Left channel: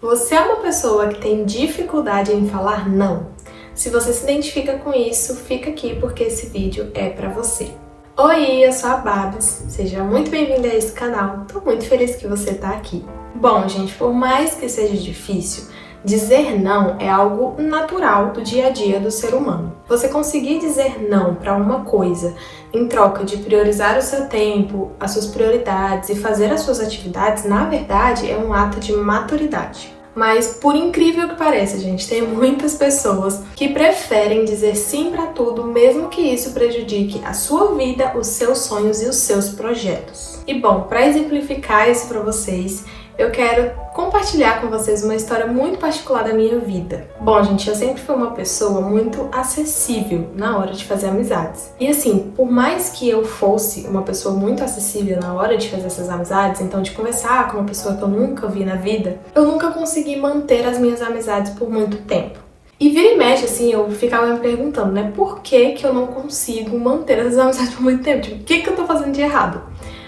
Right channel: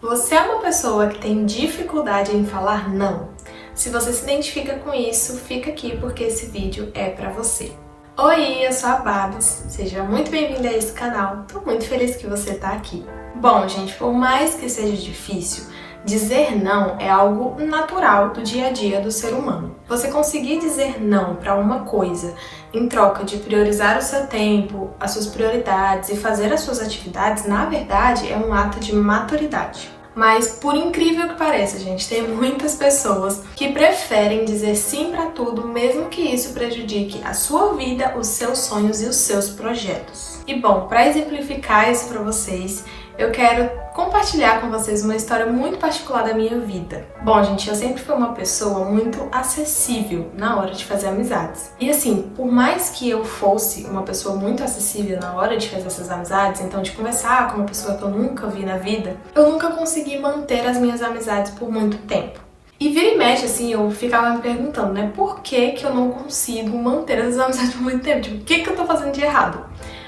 Você é uma pessoa que tem dificuldade em falar não? Se você se identifica com isso, fica aqui porque esse vídeo é pra você. Oi, eu sou a Babs, seja muito bem-vinda a esse canal, tô muito feliz que você tá aqui. Bom, gente, por mais que seja difícil, dizer não é algo natural do dia a dia do ser humano. Você conseguir dizer não para uma coisa em troca de priorizar o seu tempo, as suas prioridades e fazer as suas atividades, na verdade, é um ato de maturidade. Mas, por incrível que pareça, gente, tem muitas pessoas que preferem dizer sim para tudo, mesmo que isso prejudique a sua vida, os seus sonhos e os seus projetos. E bom, para exemplificar isso para vocês, eu quero compartilhar com vocês uma história muito particular da minha vida. Bom, gente, eu sempre fui uma pessoa muito acessível na hora de fazer amizades. E assim, por mais que eu fosse uma pessoa muito acessível na hora de fazer essas amizades, então de conversar com uma pessoa que eu nunca vi na vida, eu nunca consegui manter as minhas amizades por muito tempo. E vira e mexe, assim, eu ficava me perguntando, né, por que que eu não consigo manter essas amizades por muito tempo? Tipo, o que que eu tô fazendo de errado?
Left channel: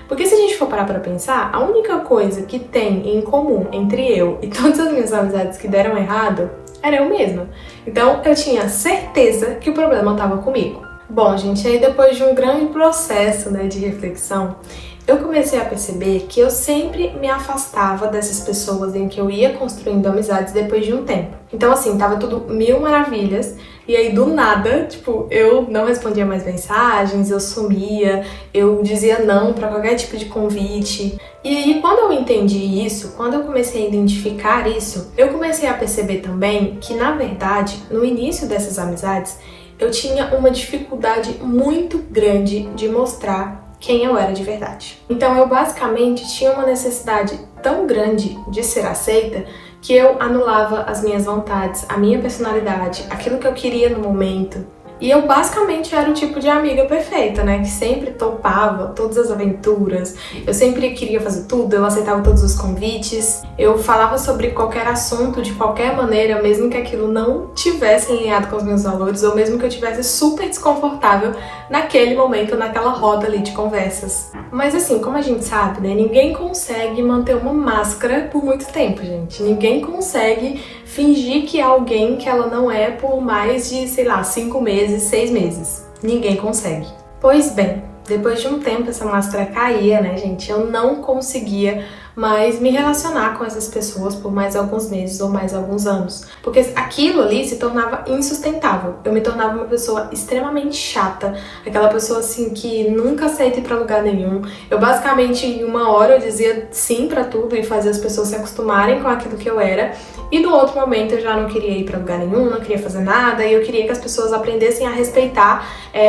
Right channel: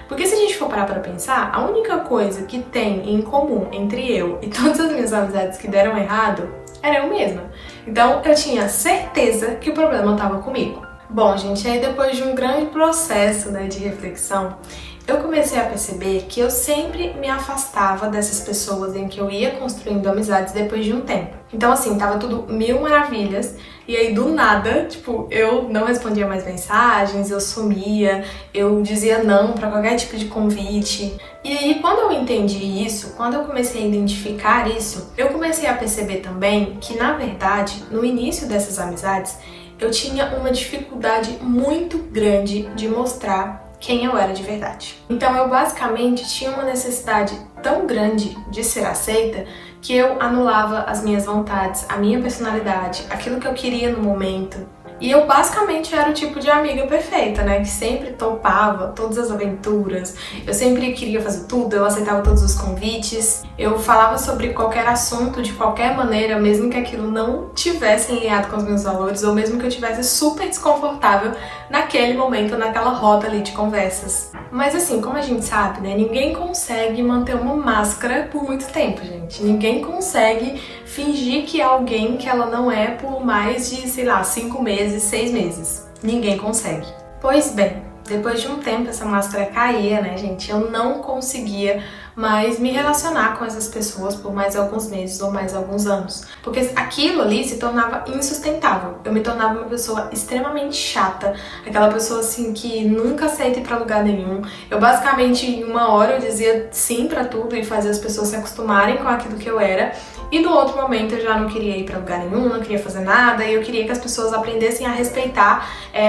Porque se a gente for parar pra pensar, a única coisa que tem em comum entre eu e todas as minhas amizades que deram errado era eu mesma. Então eu tinha certeza que o problema estava comigo. Bom, gente, aí depois de um grande processo, né, de reflexão, eu comecei a perceber que eu sempre me afastava dessas pessoas em que eu ia construindo amizades depois de um tempo. Então, assim, tava tudo mil maravilhas, e aí do nada, tipo, eu não respondia mais mensagens, eu sumia, eu dizia não pra qualquer tipo de convite. E aí, quando eu entendi isso, quando eu comecei a identificar isso, eu comecei a perceber também que, na verdade, no início dessas amizades, eu tinha uma dificuldade muito grande de mostrar quem eu era de verdade. Então eu basicamente tinha uma necessidade tão grande de ser aceita que eu anulava as minhas vontades, a minha personalidade, aquilo que eu queria no momento. E eu basicamente era o tipo de amiga perfeita, né? Que sempre topava todas as aventuras, eu sempre queria fazer tudo, eu aceitava todos os convites, eu falava sobre qualquer assunto de qualquer maneira, mesmo que aquilo não tivesse alinhado com os meus valores, ou mesmo que eu tivesse super desconfortável naquele momento, naquela roda ali de conversas. Mas assim, como a gente sabe, né? Ninguém consegue manter uma máscara por muito tempo, gente. Ninguém consegue fingir que é alguém que ela não é por mais de, sei lá, 5 meses, 6 meses. Ninguém consegue. Pois bem, depois de um tempo essa máscara caía, né, gente? Eu não conseguia mais me relacionar com essas pessoas por mais alguns meses ou mais alguns anos. Porque aquilo ali se tornava insustentável. Eu me tornava uma pessoa extremamente chata, aquela pessoa assim que nunca aceita ir pra lugar nenhum. Eu basicamente, em uma hora, eu dizia sim pra tudo e fazia as pessoas se acostumarem com aquilo que eu era. E no outro momento eu já não queria ir pra lugar nenhum, não queria fazer nada, e eu queria que as pessoas aprendessem a respeitar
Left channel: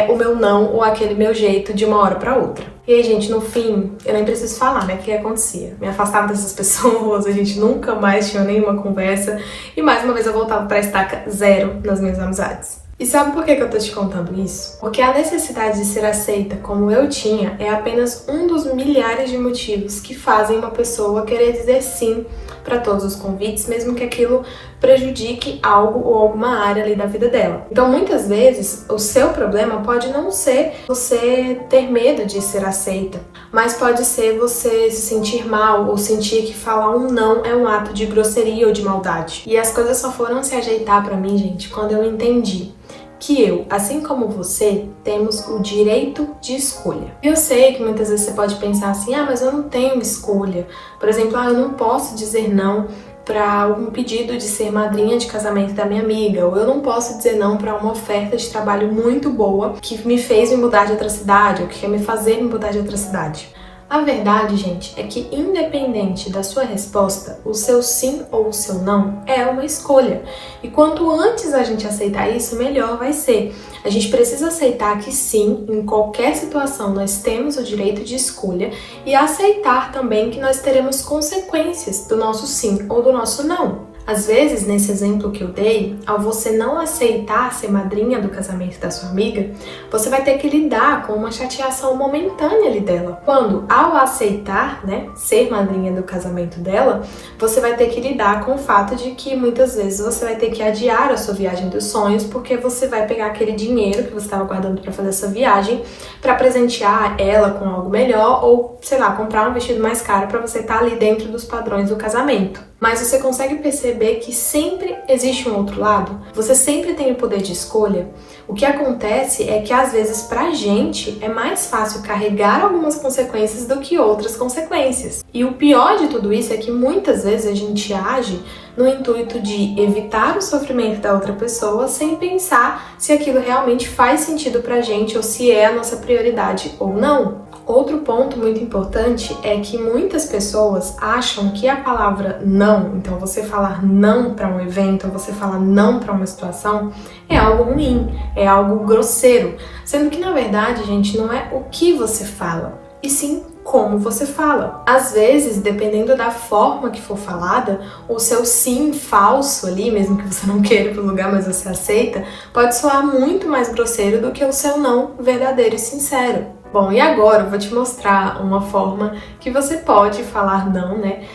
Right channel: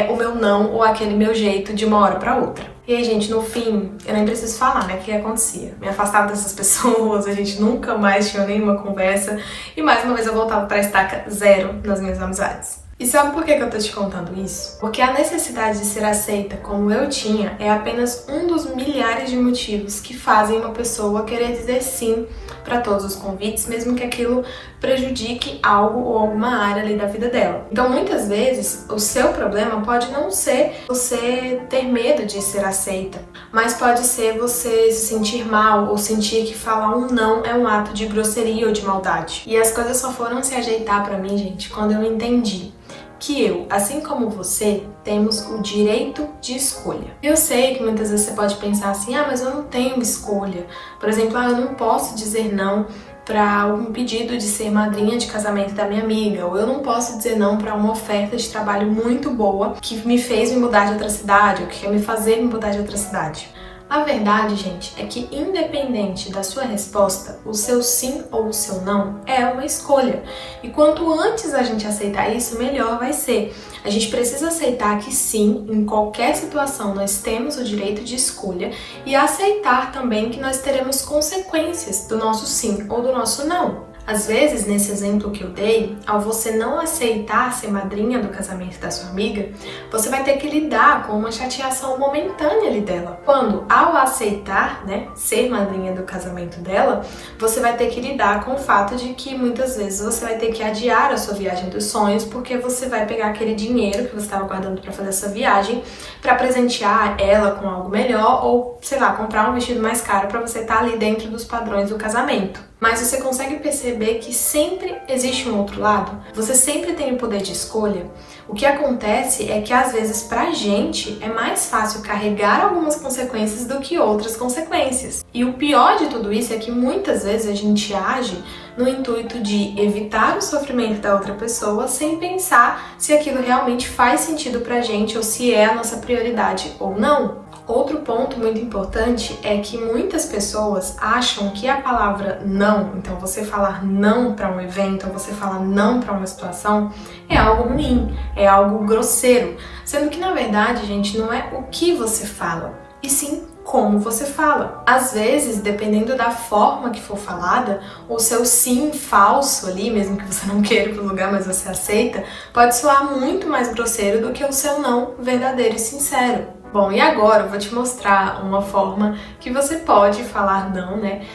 o meu não ou aquele meu jeito de uma hora pra outra. E aí, gente, no fim, eu nem preciso falar, né, o que acontecia. Me afastava dessas pessoas, a gente nunca mais tinha nenhuma conversa, e mais uma vez eu voltava pra estaca zero nas minhas amizades. E sabe por que eu tô te contando isso? Porque a necessidade de ser aceita como eu tinha é apenas um dos milhares de motivos que fazem uma pessoa querer dizer sim para todos os convites, mesmo que aquilo prejudique algo ou alguma área ali da vida dela. Então, muitas vezes, o seu problema pode não ser você ter medo de ser aceita, mas pode ser você se sentir mal ou sentir que falar um não é um ato de grosseria ou de maldade. E as coisas só foram se ajeitar para mim, gente, quando eu entendi que eu, assim como você, temos o direito de escolha. Eu sei que muitas vezes você pode pensar assim, mas eu não tenho escolha. Por exemplo, eu não posso dizer não para um pedido de ser madrinha de casamento da minha amiga, ou eu não posso dizer não para uma oferta de trabalho muito boa que me fez me mudar de outra cidade, ou que quer me fazer me mudar de outra cidade. A verdade, gente, é que independente da sua resposta, o seu sim ou o seu não é uma escolha. E quanto antes a gente aceitar isso, melhor vai ser. A gente precisa aceitar que sim, em qualquer situação nós temos o direito de escolha e aceitar também que nós teremos consequências do nosso sim ou do nosso não. Às vezes, nesse exemplo que eu dei, ao você não aceitar ser madrinha do casamento da sua amiga, você vai ter que lidar com uma chateação momentânea ali dela. Quando, ao aceitar, né, ser madrinha do casamento dela, você vai ter que lidar com o fato de que muitas vezes você vai ter que adiar a sua viagem dos sonhos, porque você vai pegar aquele dinheiro que você estava guardando para fazer essa viagem para presentear ela com algo melhor ou, sei lá, comprar um vestido mais caro para você estar ali dentro dos padrões do casamento. Mas você consegue perceber que sempre existe um outro lado? Você sempre tem o poder de escolha? O que acontece é que às vezes pra gente é mais fácil carregar algumas consequências do que outras consequências. E o pior de tudo isso é que muitas vezes a gente age no intuito de evitar o sofrimento da outra pessoa sem pensar se aquilo realmente faz sentido pra gente ou se é a nossa prioridade ou não. Outro ponto muito importante é que muitas pessoas acham que a palavra não, então você falar não para um evento, ou você falar não para uma situação, é algo ruim, é algo grosseiro, sendo que na verdade, gente, não é o que você fala, e sim como você fala. Às vezes, dependendo da forma que for falada, o seu sim falso ali, mesmo que você não queira ir pro lugar, mas você aceita, pode soar muito mais grosseiro do que o seu não verdadeiro e sincero. Bom, e agora eu vou te mostrar uma forma que você pode falar não, né?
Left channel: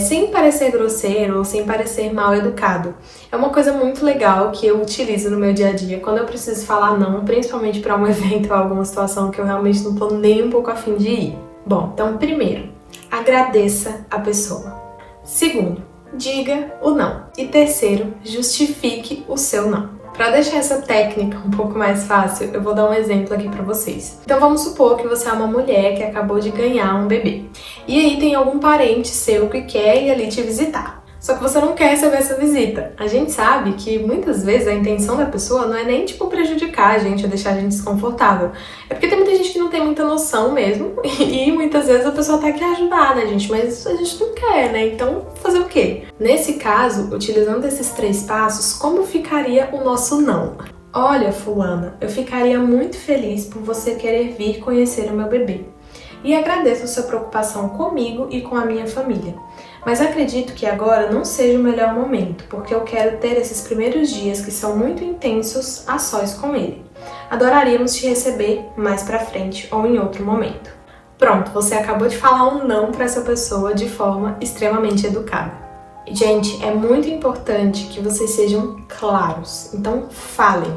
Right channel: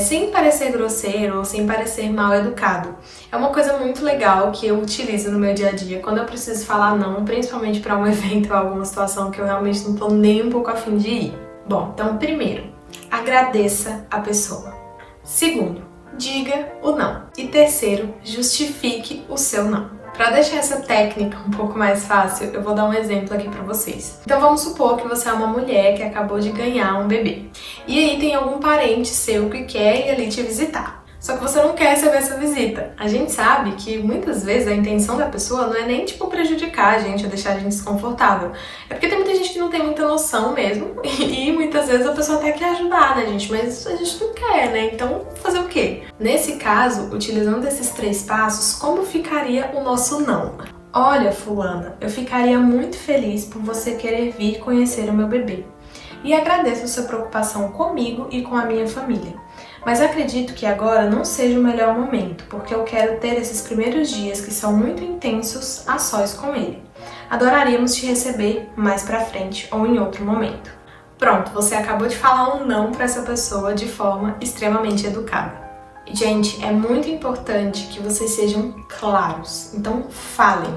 Sem parecer grosseiro ou sem parecer mal educado. É uma coisa muito legal que eu utilizo no meu dia a dia quando eu preciso falar não, principalmente para um evento ou alguma situação que eu realmente não tô nem um pouco a fim de ir. Bom, então primeiro, agradeça a pessoa. Segundo, diga o não. E terceiro, justifique o seu não. Para deixar essa técnica um pouco mais fácil, eu vou dar um exemplo aqui para vocês. Então vamos supor que você é uma mulher que acabou de ganhar um bebê. E aí tem algum parente seu que quer ir ali te visitar. Só que você não quer receber essa visita. A gente sabe que muitas vezes a intenção da pessoa não é nem tipo prejudicar a gente ou deixar a gente desconfortável. É porque tem muita gente que não tem muita noção mesmo e muitas vezes a pessoa até quer ajudar, né, gente? Mas a gente não quer, né? Então fazer o quê? Nesse caso, utilizando esses 3 passos, como ficaria o nosso não? Olha, fulana, eu ficaria muito feliz por você querer vir conhecer o meu bebê. E agradeço a sua preocupação comigo e com a minha família. Mas acredito que agora não seja o melhor momento, porque eu quero ter esses primeiros dias que são muito intensos a sós com ele. Adoraríamos te receber mais pra frente ou em outro momento. Pronto, você acabou de falar um não para essa pessoa de forma extremamente educada. Gente, é muito importante que vocês sejam claros. Então falem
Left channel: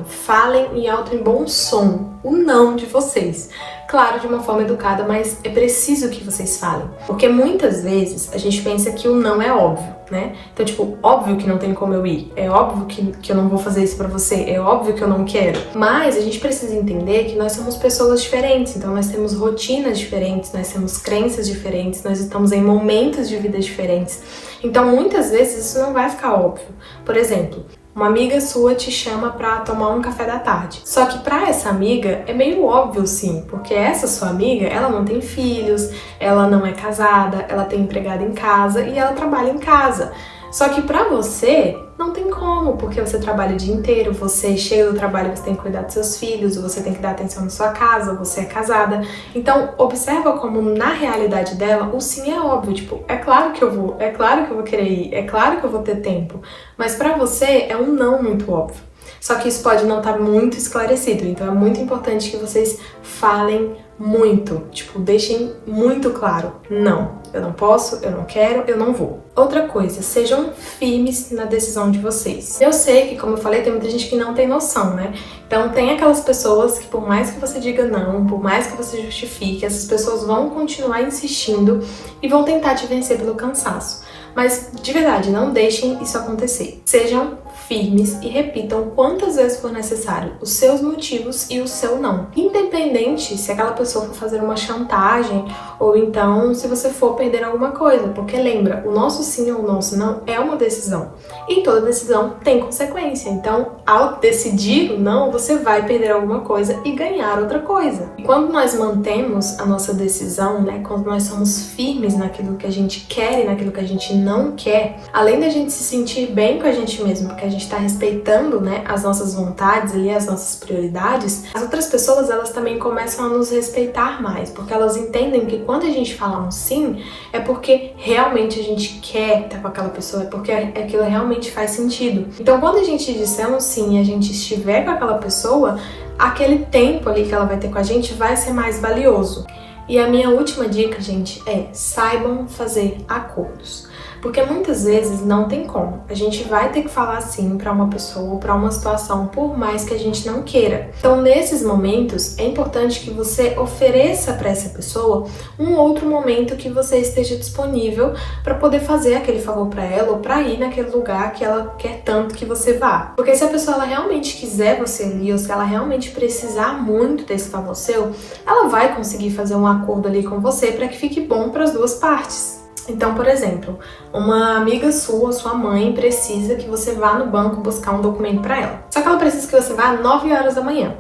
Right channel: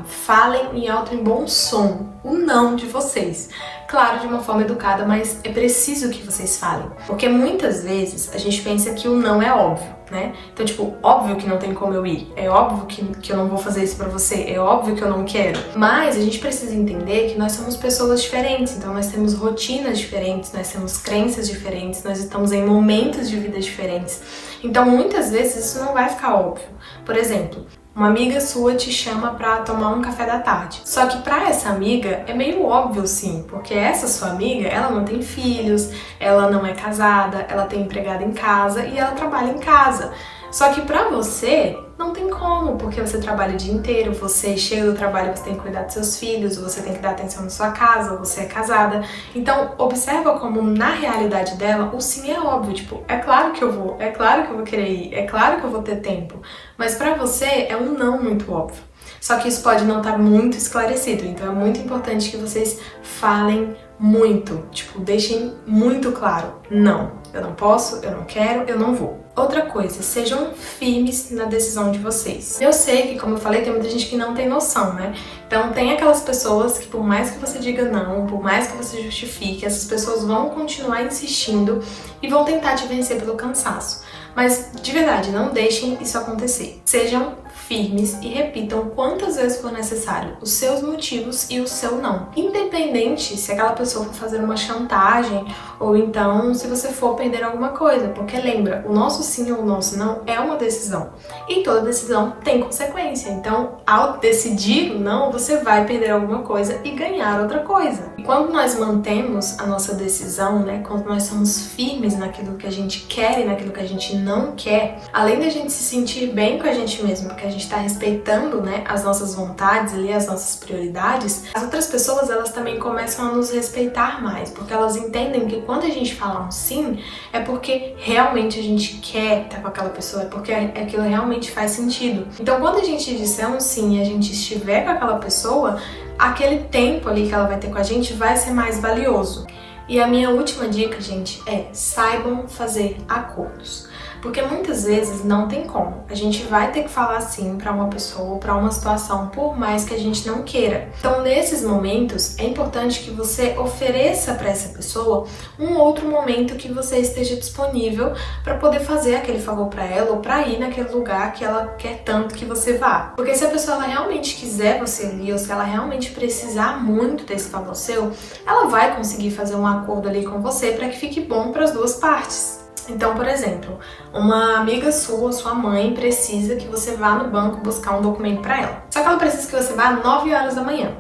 em alto e bom som o não de vocês. Claro, de uma forma educada, mas é preciso que vocês falem. Porque muitas vezes a gente pensa que o não é óbvio, né? Então, tipo, óbvio que não tem como eu ir. É óbvio que eu não vou fazer isso pra você. É óbvio que eu não quero. Mas a gente precisa entender que nós somos pessoas diferentes. Então, nós temos rotinas diferentes, nós temos crenças diferentes, nós estamos em momentos de vida diferentes. Então, muitas vezes isso não vai ficar óbvio. Por exemplo, uma amiga sua te chama pra tomar um café da tarde. Só que pra essa amiga é meio óbvio sim, porque essa sua amiga, ela não tem filhos, ela não é casada, ela tem empregada em casa e ela trabalha em casa. Só que pra você, não tem como, porque você trabalha o dia inteiro, você chega do trabalho, você tem que cuidar dos seus filhos, você tem que dar atenção na sua casa, você é casada. Então, observa como na realidade dela, o sim é óbvio, tipo, é claro que eu vou querer ir, é claro que eu vou ter tempo. Mas pra você é um não muito óbvio. Só que isso pode não estar muito esclarecido, então é muito importante que vocês falem muito, tipo, deixem muito claro, não, eu não posso, eu não quero, eu não vou. Outra coisa, sejam firmes na decisão de vocês. Eu sei que, como eu falei, tem muita gente que não tem noção, né? Então tem aquelas pessoas que por mais que você diga não, por mais que você justifique, essas pessoas vão continuar insistindo e vão tentar te vencer pelo cansaço. Mas, de verdade, não deixem isso acontecer. Sejam firmes e repitam quantas vezes for necessário os seus motivos e o seu não. Independente se aquela pessoa for fazer uma chantagem ou então se você for perder alguma coisa. Porque lembra, o nosso sim ou o nosso não é uma decisão. E toda decisão tem consequência. Então, ao decidir o não, você vai perder alguma coisa e ganhar outra coisa. E quando nós mantemos a nossa decisão, né, quando nós somos firmes naquilo que a gente quer e naquilo que a gente não quer, além da gente se sentir bem com a gente mesmo, porque a gente está respeitando, né, as nossas vontades ali, as nossas prioridades, as outras pessoas, elas também começam a nos respeitar mais, porque elas entendem que quando a gente fala um sim, é porque realmente a gente quer estar com aquela pessoa, é porque aquilo realmente faz sentido. Então, quando a gente disser um sim e a gente estiver com aquela pessoa, aquele tempo ali que ela vai ter com a gente vai ser mais valioso. E a minha última dica, gente, é saibam fazer acordos. Porque muitas vezes não tem como. A gente vai ter que falar sim para uma pessoa, para uma situação, por mais que a gente não queira. Então, nesses momentos, é importante que você ofereça para essa pessoa um outro momento que você esteja disponível para poder fazer aquele favor para ela ou para ir naquele lugar que ela quer tanto que você vá. Porque se a pessoa ela realmente quiser você ali, ou se ela realmente precisar muito desse favor seu, ela vai conseguir fazer um acordo ali com você para que fique bom para as duas partes. Então, por exemplo, uma amiga sua, sua mãe, precisa que você vá no banco buscar um documento para ela. Só que ela precisa que você vá às 9 horas da manhã.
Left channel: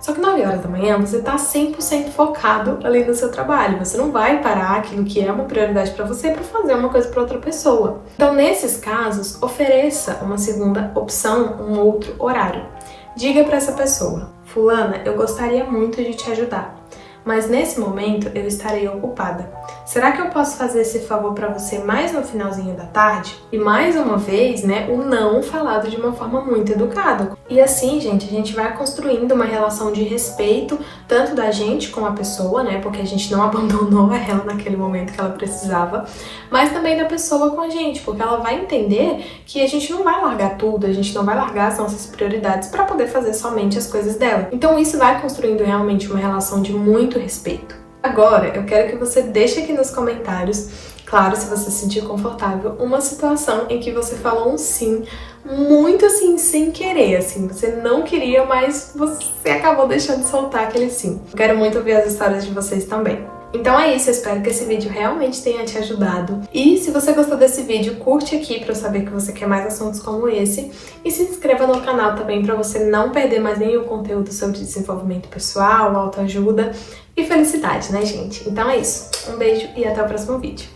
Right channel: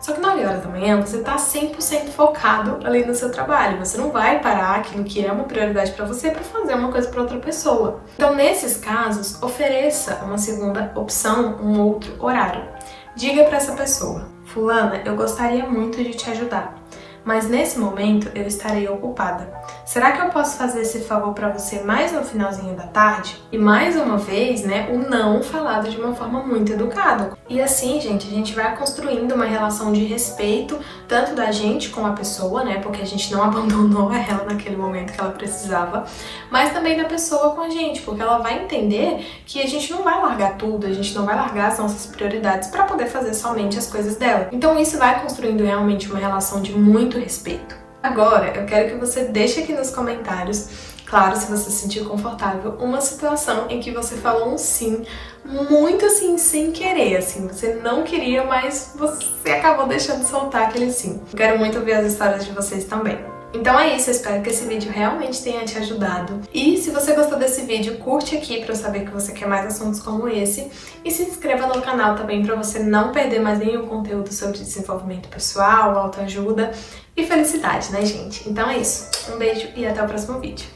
Só que 9 horas da manhã você tá 100% focado ali no seu trabalho. Você não vai parar aquilo que é uma prioridade para você para fazer uma coisa para outra pessoa. Então, nesses casos, ofereça uma segunda opção, um outro horário. Diga para essa pessoa: fulana, eu gostaria muito de te ajudar, mas nesse momento eu estarei ocupada. Será que eu posso fazer esse favor para você mais no finalzinho da tarde? E mais uma vez, né, o não falado de uma forma muito educada. E assim, gente, a gente vai construindo uma relação de respeito, tanto da gente com a pessoa, né, porque a gente não abandonou ela naquele momento que ela precisava, mas também da pessoa com a gente, porque ela vai entender que a gente não vai largar tudo, a gente não vai largar as nossas prioridades para poder fazer somente as coisas dela. Então isso vai construindo realmente uma relação de muito respeito. Agora, eu quero que você deixe aqui nos comentários, claro, se você se sentir confortável, uma situação em que você falou um sim, muito assim, sem querer, assim, você não queria, mas você acabou deixando soltar aquele sim. Eu quero muito ouvir as histórias de vocês também. Então é isso, eu espero que esse vídeo realmente tenha te ajudado. E se você gostou desse vídeo, curte aqui pra eu saber que você quer mais assuntos como esse. E se inscreva no canal também pra você não perder mais nenhum conteúdo sobre desenvolvimento pessoal, autoajuda e felicidade, né, gente? Então é isso, um beijo e até o próximo vídeo.